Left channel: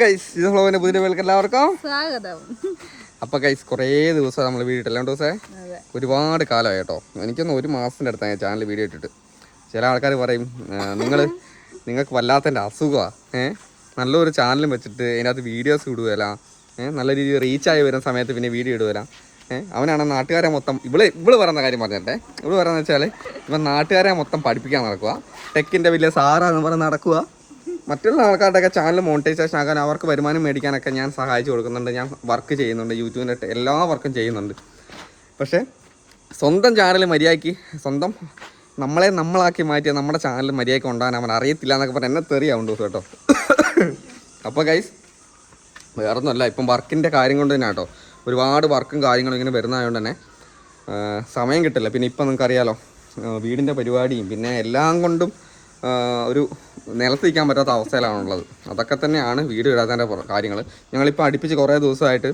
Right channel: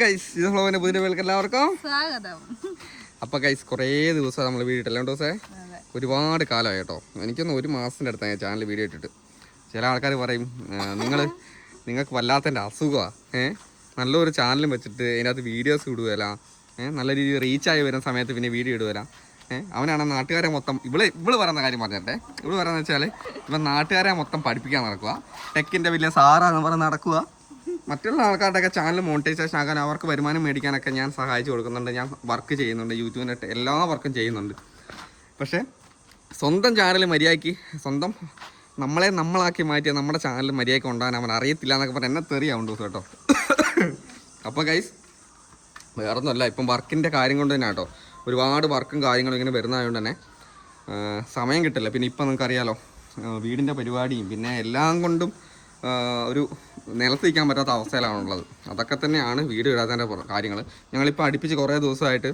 Guys ഇത് ഫ്ലോവിന്റെ പുതിയ വേൾക്ക് എല്ലാവർക്കും സ്വാഗതം. അപ്പൊ ഗൈസ് കുറേ ദിവസം നമ്മൾ വീഡിയോ ഇട്ടില്ല ദിവസേ ഒരുപാട് കാലമായി കേട്ടോ. എനിക്കൊന്ന് ഒരു മാസത്തിന്റെ അടുത്താണ് ചാനൽ വീഡിയോ ഇട്ടിട്ട്. ചില ആൾക്കാർ പറയും നിങ്ങൾക്ക് വല്ലാത്തതിൻ്റെ അസുഖമാണ്, നല്ലൊരു ചാനലും വെച്ചിട്ട് അതിനകത്ത് വീഡിയോസ് ഇടുകയില്ല, നല്ല രീതിയിൽ റീച്ചായി വരുന്ന സമയത്ത് പിന്നെ വീഡിയോ ഇടുകയില്ല. അവനാണ് നാട്ടുകാരെ മൊത്തം ഇവള് പറയുന്ന കാര്യം പറഞ്ഞിട്ടെ. ഇവള് പറയുന്നത് വെച്ചാൽ ഇവൻ നാട്ടുകാരെ മൊത്തം പഠിപ്പിക്കാൻ നടക്കുക, ടെക്കിൻ്റെ വലിയ സാറാന്ന് പറഞ്ഞ് നടക്കുക. മറ്റുള്ള ആൾക്കാരുടെയൊക്കെ ചാനൽ മോണിറ്റൈസേഷൻ ആക്കാൻ അവർക്ക് വരുമാനം മേടിക്കാനൊക്കെ ഞാൻ സഹായിച്ചു കൊടുക്കുന്നുണ്ട്. ഞാൻ വർക്ക് ചെയ്യുന്നുണ്ട്, യൂട്യൂബിൻ്റെ എല്ലാ വർക്കും ചെയ്യുന്നുണ്ട്. പക്ഷേ സ്വന്തം ചാനൽ മര്യാദയ്ക്ക് സ്വന്തം നമ്മളാക്കി മാറ്റിയ നമ്മുടെ ചാനൽ മര്യാദയ്ക്ക് കൊണ്ടുപോകാൻ അവൻ അറിയത്തില്ല എന്നൊക്കെ പറഞ്ഞാൽ എന്നെ തെറിയാവുണ്ട് കേട്ടോ. അപ്പോൾ ഗൈസ് വേറൊന്നുമല്ല, ഇപ്പം വർക്കിൻ്റെ കാര്യം കൊണ്ട് തന്നെ കേട്ടോ. ഒരുപാട് വർക്കും കാര്യങ്ങളും ഇങ്ങനെ വരുന്നതുകൊണ്ട് തന്നെ സമയം കിട്ടില്ല. പിന്നെ ഇപ്പം നിങ്ങൾക്കറിയാലോ, വീടിൻ്റെ പരിപാടിയും പിന്നെ എല്ലാം കൊണ്ടും ഒരു നിലത്തിരിക്കാൻ പറ്റാത്ത അവസ്ഥയിലാണുള്ളത്. അതൊക്കെ തന്നെയാണ് വീഡിയോ ഇടാത്തതിൻ്റെ കാര്യങ്ങൾ. ഞങ്ങളിപ്പോൾ അടുപ്പിച്ച് കുറേ ദിവസമായിട്ട്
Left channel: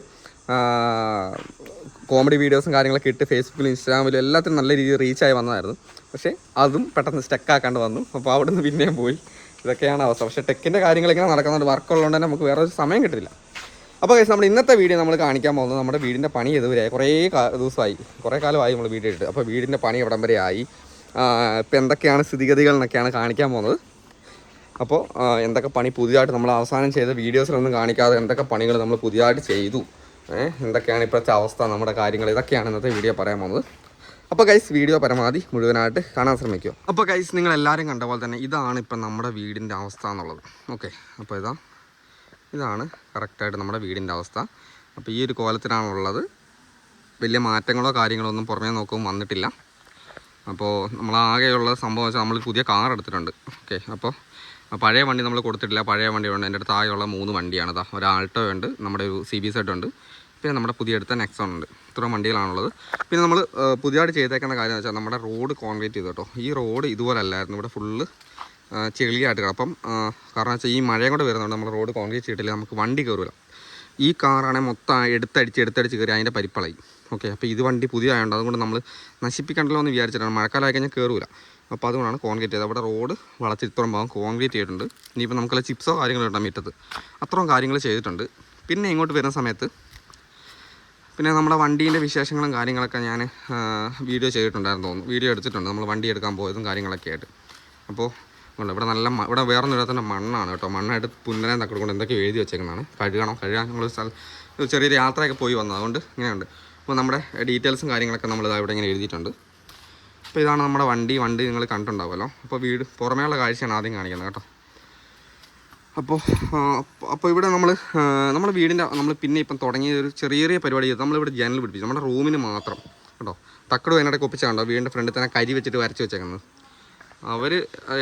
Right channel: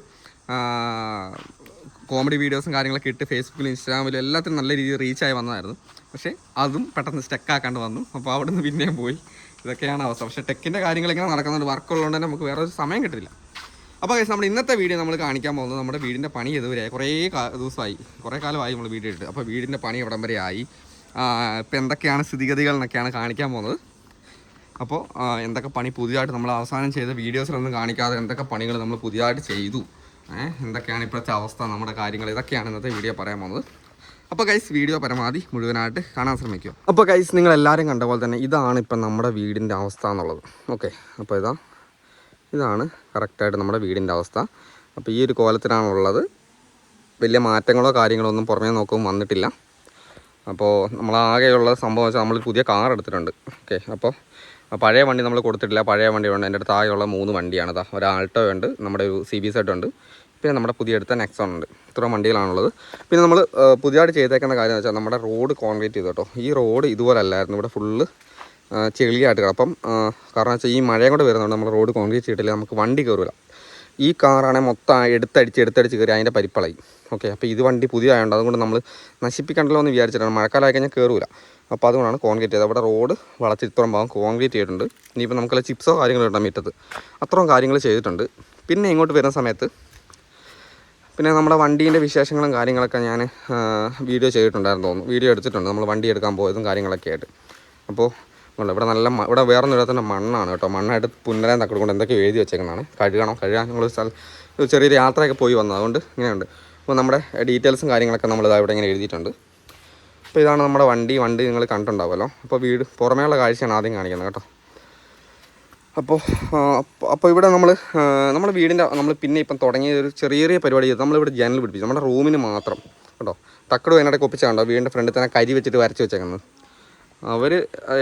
കോമഡി വീഡിയോസും കാര്യങ്ങളൊക്കെ ഇട്ട് ഫേസ്ബുക്കിലും ഇൻസ്റ്റാഗ്രാമിലും എല്ലാത്തിനും നല്ല രീതിയിൽ റീച്ചായി വന്നതായിരുന്നു. പക്ഷേ അതും പെട്ടെന്ന് സ്റ്റക്കാക്കാണ്ട് വന്നു. അപ്പോൾ അവിടെ നിന്ന് പിന്നെയും പോയി. ഇതൊക്കെയാണ് അവസ്ഥ. പക്ഷേ ടെക്കിൻ്റെ കാര്യങ്ങളിങ്ങനെ നടക്കുന്നുണ്ട്. വർക്കുള്ളതുകൊണ്ട് തന്നെ നമുക്ക് വേറെ ഒരു സമയം കിട്ടില്ല. അപ്പോൾ ഗൈസ് നമ്മൾ ഇന്നത്തെ വീഡിയോ നമ്മൾ കാണിക്കാൻ പോകുന്നത് നമ്മുടെ വീടിൻ്റെ പണി ഇതുവരെയായി. കുറേ കാലമായി നമ്മൾ വീഡിയോ ഇട്ട്. അപ്പോൾ വീടിൻ്റെ പണി എവിടം വരെ ആയി, ഇപ്പം എന്തൊക്കെയാണ് സ്ഥിതിഗതികൾ എന്നൊക്കെയാണ് കാണിക്കാൻ പോകുന്നത്. അപ്പോൾ എന്തൊക്കെ പണി പുതിയതായിട്ട് നമ്മൾ അവസാനം ചെയ്ത വീഡിയോസിലൊന്നും കാണിക്കാതെ എന്തൊക്കെ പണികൾ നമ്മൾ പുതിയതായിട്ട് ചെയ്തു, എന്തൊക്കെയാണ് ഇപ്പോഴത്തെ അവസ്ഥ, നമ്മുടെ കാര്യങ്ങൾ, ഇതൊക്കെയാണ് ഇന്നത്തെ വീഡിയോ പറയാൻ പോകുന്നത്. അപ്പോൾ ഗൈസ് വീഡിയോ പരമാവധി മുഴുവനായിട്ട് കാണാൻ ശ്രമിക്കുക. അപ്പോൾ ഗൈസ് നിങ്ങളെല്ലാവരും കണ്ട പോലെ തന്നെ ഇതാണ് ഇപ്പം നമ്മുടെ വീടിൻ്റെ അവസ്ഥ എന്നുള്ളത്. ഓക്കെ, അപ്പോൾ ഇതാണ് കറക്റ്റായിട്ട് നമ്മുടെ വീടിൻ്റെ അവസ്ഥ. അപ്പോൾ ഈ ഒരു കോലത്തിലാണുള്ളത്. വലിയ മാറ്റങ്ങളോ കാര്യങ്ങളോ ഒന്നും പുറമേ നോക്കുമ്പോൾ വന്നിട്ടില്ല. അപ്പോൾ നമ്മളാകെയുള്ള സംഭവം വെച്ചാൽ നമ്മൾ പുതിയ കാർ എടുത്തിട്ടുണ്ട്. ഓക്കെ, അപ്പോൾ പഴയ വണ്ടി നമ്മൾ കൊടുത്തിട്ടില്ല. പഴയ വണ്ടിയുണ്ട്. എൻ്റെ അടുത്ത് ആകെയുള്ള 3 വണ്ടിയാണ്. ഒരു ആൾട്ടോ ഉണ്ട്, നമ്മുടെ ഒരു CBZ ഉണ്ട്, പിന്നെ നമ്മുടെ പുതിയ എടുത്ത നെക്സോൺ ഉണ്ട്. ഇത്ര വണ്ടികളാണുള്ളത്. പിന്നെ നമ്മൾ പുതിയതായിട്ട് ചെയ്തേക്കുന്ന കാര്യം എന്ന് വെച്ചാൽ നമ്മുടെ റോഡ് കോൺക്രീറ്റ് ചെയ്തു കേട്ടോ. ഈ റോഡ് ഇതുപോലെ അല്ലായിരുന്നു, ഇവിടെ ഫുള്ള് ചെളിയായിട്ട് കിടപ്പം. കാരണം വെച്ചാൽ ഈ മഴയും കൂടെ വരുന്നുണ്ട്, നമ്മൾ റോഡ് കോൺക്രീറ്റ് ചെയ്തിട്ടില്ല, നമുക്ക് വണ്ടി കയറില്ല. ഈ കാറാണെങ്കിൽ മൊത്തം എടുത്തടിച്ച് കയറി അതിൻ്റെ പരിപ്പളായി. ഓക്കെ, അപ്പോൾ ഇത് വണ്ടി പുതിയ ആയതുകൊണ്ട് അതുകൊണ്ട് നമ്മൾ നശിപ്പിക്കണ്ടല്ലോ എന്ന് വിചാരിച്ചിട്ടാണ്. മഴക്കാലമായി കഴിഞ്ഞാൽ കയറില്ല. അപ്പോൾ അതുകൊണ്ടാണ് കോൺക്രീറ്റ് ചെയ്തത്. അവിടെ റോഡ് വളച്ച് ഇത്രയും ഭാഗം കോൺക്രീറ്റ് ചെയ്തിട്ടുണ്ട്. ഇനിയിപ്പോൾ നമുക്കുള്ള ചിപ്സോ കാര്യങ്ങളോ ഇടാൻ മുറ്റത്ത് അത്രയും കാര്യങ്ങൾ ചെയ്തിട്ടുണ്ട്. പിന്നെ ഇങ്ങോട്ട് വരുന്ന സമയത്ത് പിന്നെ നമ്മുടെ വണ്ടീൻ്റെ വിശേഷങ്ങളും കാര്യങ്ങളൊക്കെ ഞാൻ വീഡിയോ ചെയ്തിട്ടുണ്ടായിരുന്നു തോന്നുന്നു. വീഡിയോ എടുത്തിട്ടുണ്ട് നമ്മൾ വണ്ടി എടുക്കാൻ പോയതും കാര്യങ്ങളൊക്കെ ആയിട്ട്. അപ്പോൾ ഇവിടെ ഇവിടെ വേറൊന്നും ഇടത്തന്നെ മണ്ണാണ് കേട്ടോ. മണ്ണായിട്ട് പുന്നരാൻ തക്കടുകൊണ്ട് എന്തൊക്കെ എഴുതി വെച്ചേക്കുന്നതാണ്. കഴുകാൻ നമ്മൾ ചെറിയൊരു യാത്രയൊക്കെ പോയി വന്നത്, അതുകൊണ്ട് ഇങ്ങനെയുണ്ട്. അപ്പോൾ നമ്മുടെ ഡീറ്റെയിൽസും കാര്യങ്ങളൊക്കെ നമ്മൾ ഇവിടെ ഇങ്ങനെ എഴുതിയിട്ടുണ്ട്. അപ്പോൾ ഇതാണ് നമ്മുടെ വണ്ടി നിങ്ങൾ കണ്ടിട്ടുണ്ടാവുമല്ലോ. അപ്പോൾ വീട് പുറമേയുള്ള കാഴ്ചയാണ് ആദ്യം കാണിക്കുന്നത് കേട്ടോ. അപ്പോൾ ഇവിടെ നമ്മുടെ വീടിൻ്റെ പിന്നെ ഇപ്പം തുടങ്ങിയ ഒരു ചെറിയ പരിപാടി ചെയ്ത് നമ്മളിവിടെ ജനൽ പിടിപ്പിച്ചു, നമ്മുടെ റൂമിന് മാത്രം കേട്ടോ. തക്കട് അതിനിടയ്ക്ക് ഒപ്പിച്ചാണ്ടോ വീടിൻ്റെ ഫ്രണ്ടിൽ തന്നെ കരി വെച്ചിട്ട് വരച്ച് വെച്ചേക്കുന്നത്. അവർ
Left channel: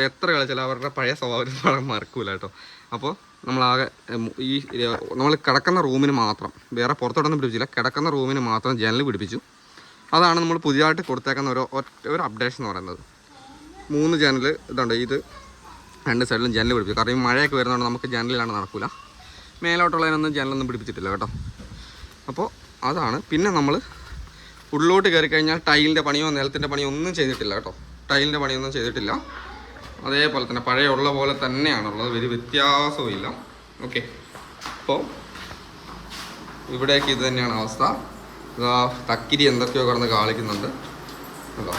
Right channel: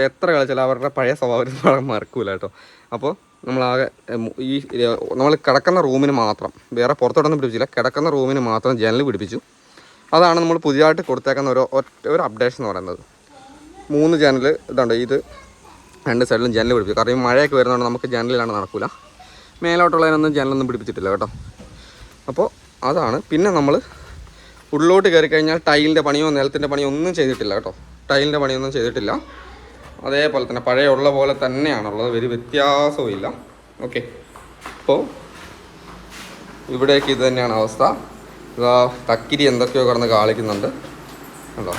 എത്ര കളിച്ചാലും അവരുടെ പഴയ സ്വഭാവം മറക്കൂല കേട്ടോ. അപ്പോൾ നമ്മളാകെ നമ്മൾ കിടക്കുന്ന റൂമിന് മാത്രം, വേറെ പുറത്തോട്ടൊന്നും പിടിപ്പിച്ചില്ല, കിടക്കുന്ന റൂമിന് മാത്രം ജനൽ പിടിപ്പിച്ചു. അതാണ് നമ്മൾ പുതിയതായിട്ട് കൊടുത്തേക്കുന്ന ഒരു അപ്ഡേഷൻ എന്ന് പറയുന്നത്. 3 ജനൽ ഇതുണ്ട്. ഇത് 2 സൈഡിലും ജനൽ പിടിപ്പിച്ചു. കാരണം ഈ മഴയൊക്കെ വരുന്നതുകൊണ്ട് നമുക്ക് ജനലിലാണ് നടക്കില്ല. മേലോട്ടുള്ളതിനൊന്നും ജനലൊന്നും പിടിപ്പിച്ചിട്ടില്ല കേട്ടോ. അപ്പോൾ അതാണ്. പിന്നെ നമ്മൾ ഉള്ളിലോട്ട് കയറി കഴിഞ്ഞാൽ ടൈലിൻ്റെ പണിയോ നിലത്തിൻ്റെ പണിയോ ഒന്നും ചെയ്തിട്ടില്ല കേട്ടോ. ടൈലിൻ്റെ പണിയൊന്നും ചെയ്തിട്ടില്ല. അതേപോലെ തന്നെ പഴയ ഉള്ള പോലെ തന്നെയാണുള്ളത്, ഒരു വ്യത്യാസവും ഇല്ല. ഓക്കെ, അപ്പോൾ ഇവിടേക്ക് ഇത് തന്നെയാണ് അവസ്ഥ. തക്കിരി എന്തൊക്കെയോ കിടന്ന് കാളിക്കുന്നുണ്ട് കേട്ടോ.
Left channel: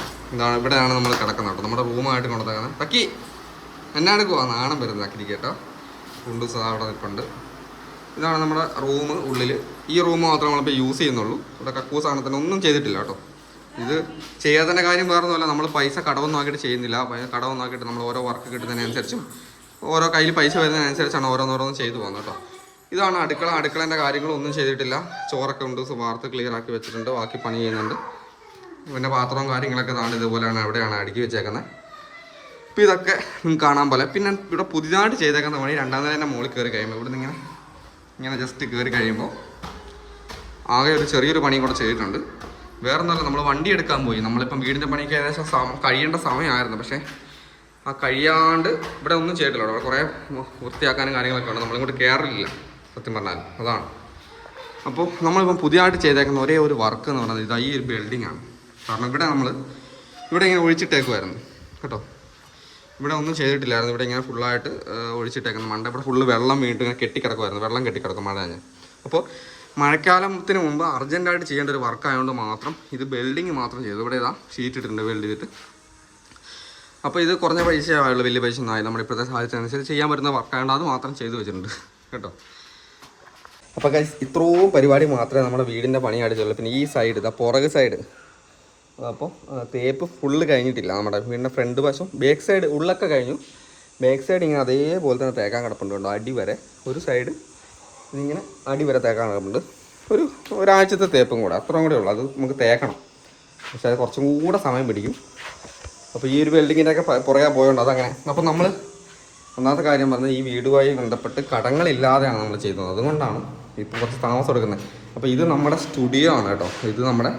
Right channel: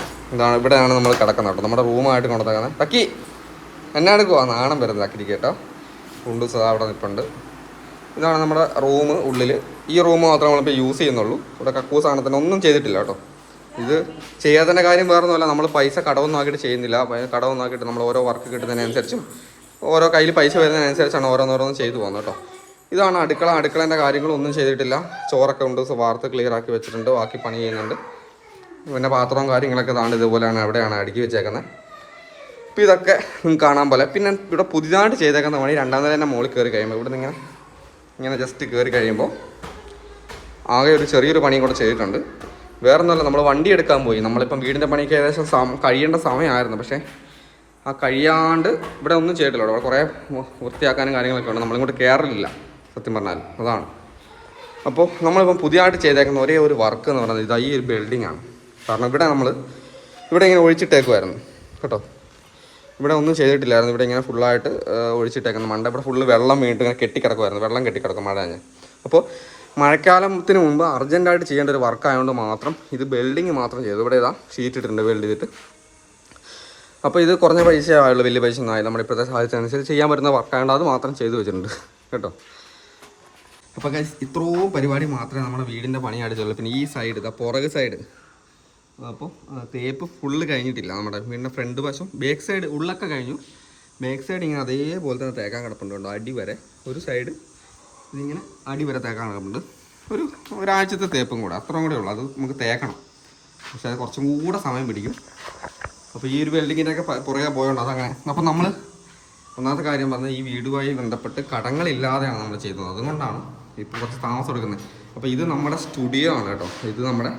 ഇവിടെയാണ് നമ്മൾ കിടക്കുന്നത് കേട്ടോ. നമ്മുടെ റൂമായിട്ട് കൊണ്ടുവന്നേക്കുന്നത്. തക്കി എന്നെ എടുക്കുവാ, നാണം വരുന്നത് തക്കിരിക്ക് കേട്ടോ. കുണ്ടൂസ് അവിടെ നിൽപ്പുണ്ട്. ഇതാണ് നമ്മുടെ റൂം. ഉള്ളിൽ ഈ റൂം മാത്രമേ നമ്മളിപ്പോൾ യൂസ് ചെയ്യുന്നുള്ളൂ. ഇവിടെ കക്കൂസ് സാധനത്തിന് ഒന്നും ചെയ്തിട്ടില്ല കേട്ടോ. ഇത് ചെയ്യാത്തതിൻ്റെ കാര്യം വേറൊന്നുമല്ല, നമ്മൾ പൈസ കടമൊന്നും ആക്കിയിട്ട് ചെയ്യുന്നില്ല. കടമൊന്നും ആക്കിയിട്ട് നമ്മൾ ഓരോ വർക്ക് കിട്ടുന്നതിനനുസരിച്ചും ഓരോ കയ്യിൽ പൈസ വരുന്നതിനനുസരിച്ചാണ് ഓരോന്നോരോന്നും ചെയ്തു പോകുന്നത് കേട്ടോ. ഇതാണ് അടുക്കളേൻ്റെ കാര്യങ്ങളൊന്നും ചെയ്തിട്ടില്ല. ചോറൊക്കെ ഉണ്ട്, വാർത്ത് ക്ലിയർ ആക്കി വെച്ചിട്ടുണ്ട്, ബാക്കി പണി ചെയ്യുന്നുണ്ട്. പിന്നെ പാത്രവും കാര്യങ്ങളൊക്കെ താണ്ട് ഇതുപോലെയാണ് എവിടെയാണ് അടുക്കി വെച്ചേക്കുന്നത്. അപ്പോൾ ഇതൊക്കെ കാണാൻ പോലെ. പിന്നെ ഇവിടെ പുതിയതായിട്ട് ചെയ്തേക്കുന്ന പണി 2ാം നിലേൻ്റെ മുകളിൽ കയറി കഴിയുമ്പോൾ ഇവിടെ നിന്ന് ഇങ്ങനെ ജസ്റ്റ് കയറി കഴിയുമ്പോൾ ആകെ ഒരു ചെറിയൊരു പണിയും കൂടെ ചെയ്തിട്ടുണ്ട്. വേറൊന്നുമല്ല, നമ്മൾ വണ്ടി എടുക്കാൻ പോയി. നമ്മളിപ്പം വീടിൻ്റെ പണിക്ക് ഏകദേശം കഴിയേണ്ട സമയമായിരുന്നു. പക്ഷേ ആ കഴിയാണ്ട് ഇവിടെ ഒന്നും ചെയ്തിട്ടില്ല. അവിടെ കുറേ വൃത്തിയാക്കാനും കാര്യങ്ങളൊക്കെ ഉണ്ട്. നമ്മളിങ്ങോട്ട് കയറില്ല സത്യം പറഞ്ഞാൽ. അതാണ്. അപ്പോൾ നമ്മളിപ്പം പുതിയതായിട്ട് ചെയ്തേക്കുന്ന ഒരേ ഒരു വർക്ക് എന്ന് പറയുന്നത് ഈ ഒരു ബിൽഡിംഗ് ആണ്. കാരണം ഇവിടെ ഇങ്ങനെ ഒഴിച്ചിട്ടേക്കുമായിരുന്നു കേട്ടോ. ഇവിടെ ഒന്നും ചെയ്തിട്ടില്ലായിരുന്നു. ഇവിടെ ഇങ്ങനെ ഫുള്ളായിട്ട് ഒഴിച്ചിട്ടേക്കുന്നത്. മണ്ട ഇവിടെ ഫുള്ള് വെള്ളം വീണിട്ട് ഇങ്ങനെ കെട്ടിക്കിടക്കുമായിരുന്നു. വെള്ളം കെട്ടിക്കിടക്കും മഴ ഞാൻ. അപ്പോൾ മഴക്കാലത്തിന് മുമ്പ് അർജൻറ്റായിട്ട് ചെയ്യേണ്ട ഒരു വർക്ക് ആയതുകൊണ്ട് മാത്രം ഇത് ബിൽഡിങ് മാത്രം ചെയ്തു. ഇവിടെ ഇതാ ഷീറ്റ് ഇട്ടിട്ടുണ്ട് വെൽഡ് ചെയ്തിട്ട്. അപ്പോൾ ഇത് കുറഞ്ഞ പൈസയായുള്ളൂ, വലിയ പൈസ ഒന്നും ആയില്ല. നമ്മുടെ ഇപ്പോഴത്തെ സാഹചര്യത്തിനനുസരിച്ച് ചെയ്യാൻ പറ്റുന്ന വർക്കായതുകൊണ്ട് അത് മാത്രം ചെയ്തു വെച്ചിട്ടുണ്ട് കേട്ടോ. അപ്പോൾ ഗൈസ് ഇത്രയും പരിപാടി മാത്രമേ നമ്മുടെ വീടിൻ്റെ പണിയായിട്ടുള്ളൂ. പിന്നെ ഈ സൈഡ് ഇതാ പുറക് സൈഡ്, അപ്പോൾ തേപ്പ് ഫുള്ള് കഴിഞ്ഞിട്ടില്ല. നമ്മുടെ വീടിൻ്റെ ഫ്രണ്ട് വശം ബാക്ക് സൈഡ് ഉള്ളൊക്കെ കഴിഞ്ഞു. ബാക്ക് സൈഡ് ഇങ്ങനെ അതേപോലെ തന്നെ തേക്കാൻ കിടപ്പുണ്ട് കേട്ടോ. അടി വരെ ഒരു സൈഡ് ഇതിങ്ങനെ അടി വരെ തേക്കാൻ കിടപ്പുണ്ട്. ഒരാഴ്ചത്തെ തേപ്പും കൂടെ, അത്രയും കൂടെ ഉള്ളൂ. അത് നമുക്ക് തേക്കണം, പക്ഷേ അത് കുറച്ചും കൂടെ സമയം പിടിക്കും. അപ്പോൾ ഈ ഒരു വെൽഡിങ്ങിൻ്റെ ഒക്കെ പുറകെ പോയോണ്ട് അതങ്ങനെ. അപ്പോൾ നമ്മൾ ഒന്നാമത്തെ കാര്യം പറഞ്ഞാൽ ഈ വീടുമായി ബന്ധപ്പെട്ട് കടങ്ങളില്ലാതെയാണ് നമ്മൾ ചെയ്യുന്നത്. അതുകൊണ്ടാണ് ഇപ്പോൾ കുറച്ച് താമസം എടുക്കുന്നത്. അപ്പോൾ ഇത് നമ്മുടെ സ്റ്റുഡിയോ ആണ് കേട്ടോ. ഇത് നമ്മുടെ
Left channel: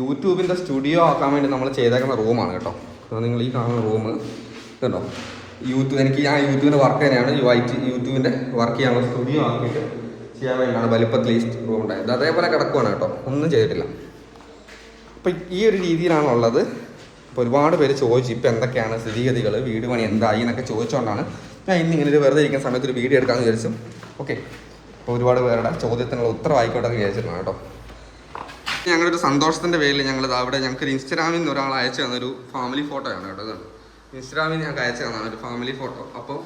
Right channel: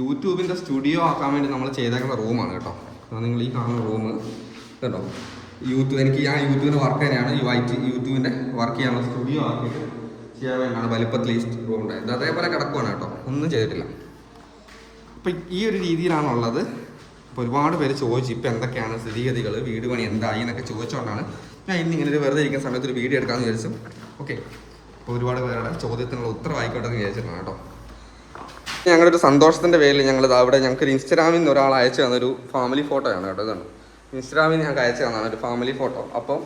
യൂട്യൂബിൻ്റെ സ്റ്റുഡിയോ ആക്കാൻ വേണ്ടി നമ്മൾ ചെയ്തേക്കുന്ന റൂമാണ് കേട്ടോ. നിങ്ങൾ ഈ കാണുന്ന റൂം കേട്ടോ, എനിക്ക് ഞാൻ യൂട്യൂബിൻ്റെ വർക്ക് തന്നെയാണ്. യൂട്യൂബിൻ്റെ വർക്ക് ചെയ്യാനുള്ള സ്റ്റുഡിയോ ആക്കിയിട്ട് ചെയ്യാൻ വേണ്ടിയാണ് വലിപ്പത്തിൽ ഈ റൂം ഉണ്ടായത്. അതേപോലെ കിടക്കുവാണ് കേട്ടോ, ഒന്നും ചെയ്തിട്ടില്ല. അപ്പോൾ ഈ ഒരു രീതിയിലാണുള്ളത്. അപ്പോൾ ഒരുപാട് പേര് ചോദിച്ചു ഇപ്പോൾ എന്തൊക്കെയാണ് സ്ഥിതിഗതികൾ, വീട് പണി എന്തായി എന്നൊക്കെ ചോദിച്ചുകൊണ്ടാണ് ഞാൻ ഇന്നിങ്ങനെ ഒരു വെറുതെ ഇരിക്കുന്ന സമയത്ത് ഒരു വീഡിയോ എടുക്കാമെന്ന് വിചാരിച്ചു. ഓക്കെ, അപ്പോൾ ഒരുപാട് പേരുടെ ചോദ്യത്തിനുള്ള ഉത്തരം ആയിക്കോട്ടെ എന്ന് വിചാരിച്ചിരുന്നു കേട്ടോ. ഞങ്ങളുടെ ഒരു സന്തോഷത്തിൻ്റെ പേരിൽ ഞങ്ങൾ അവിടെ ഞങ്ങൾക്കൊരു ഇൻസ്റ്റാഗ്രാമിൽ ഒരാൾ അയച്ചു തന്നൊരു ഫാമിലി ഫോട്ടോയാണ് കേട്ടോ. ഇതാണ് ഇൻസ്റ്റാഗ്രാമിൽ ഞങ്ങൾക്ക് അയച്ചു തന്നാണ് ഒരു ഫാമിലി ഫോട്ടോ. അപ്പോൾ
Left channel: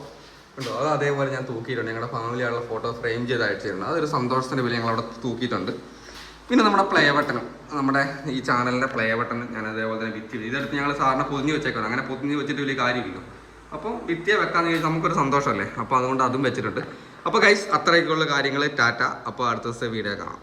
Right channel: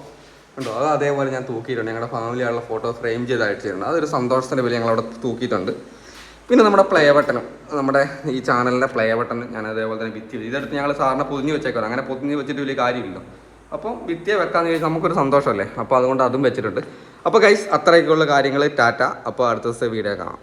ഉണ്ടോ, അത് അതേപോലെ ഞാൻ തൂക്കിയിട്ടുണ്ട്. ഞങ്ങളുടെ ഫാമിലിയുള്ള ഫോട്ടോ ഫ്രെയിം ചെയ്ത് അയച്ചിട്ടുണ്ട്. അതൊരു സന്തോഷത്തിൻ്റെ പേരിൽ ഞങ്ങളവിടെ തൂക്കിയിട്ടുണ്ട്. പിന്നെ നമ്മുടെ പ്ലേ ബട്ടനും, നമ്മുടെ ഈ ചാനലിൻ്റെ പ്ലേ ബട്ടൺ ഞാൻ അതേപോലെ തന്നെ ഭിത്തി ഇതെടുത്ത് ഞങ്ങൾ സാറിനെ പൊതിഞ്ഞ് വെച്ചേക്കാം. അങ്ങനെ പൊതിഞ്ഞ് വെച്ചിട്ട് വലിയ കാര്യമില്ല. അപ്പം ഭിത്തിയെ വെക്കാമെന്ന് ചോദിച്ചാൽ നമുക്കൊരു സന്തോഷമല്ലേ. അപ്പോൾ അതുകൊണ്ട് അതും വെച്ചിട്ടുണ്ട്. അപ്പോൾ ഗൈസ് അത്രയൊക്കെയുള്ള കാര്യങ്ങൾ. ടാറ്റ. അപ്പോൾ അടുത്ത ദിവസത്തെ വീഡിയോ കാണാം.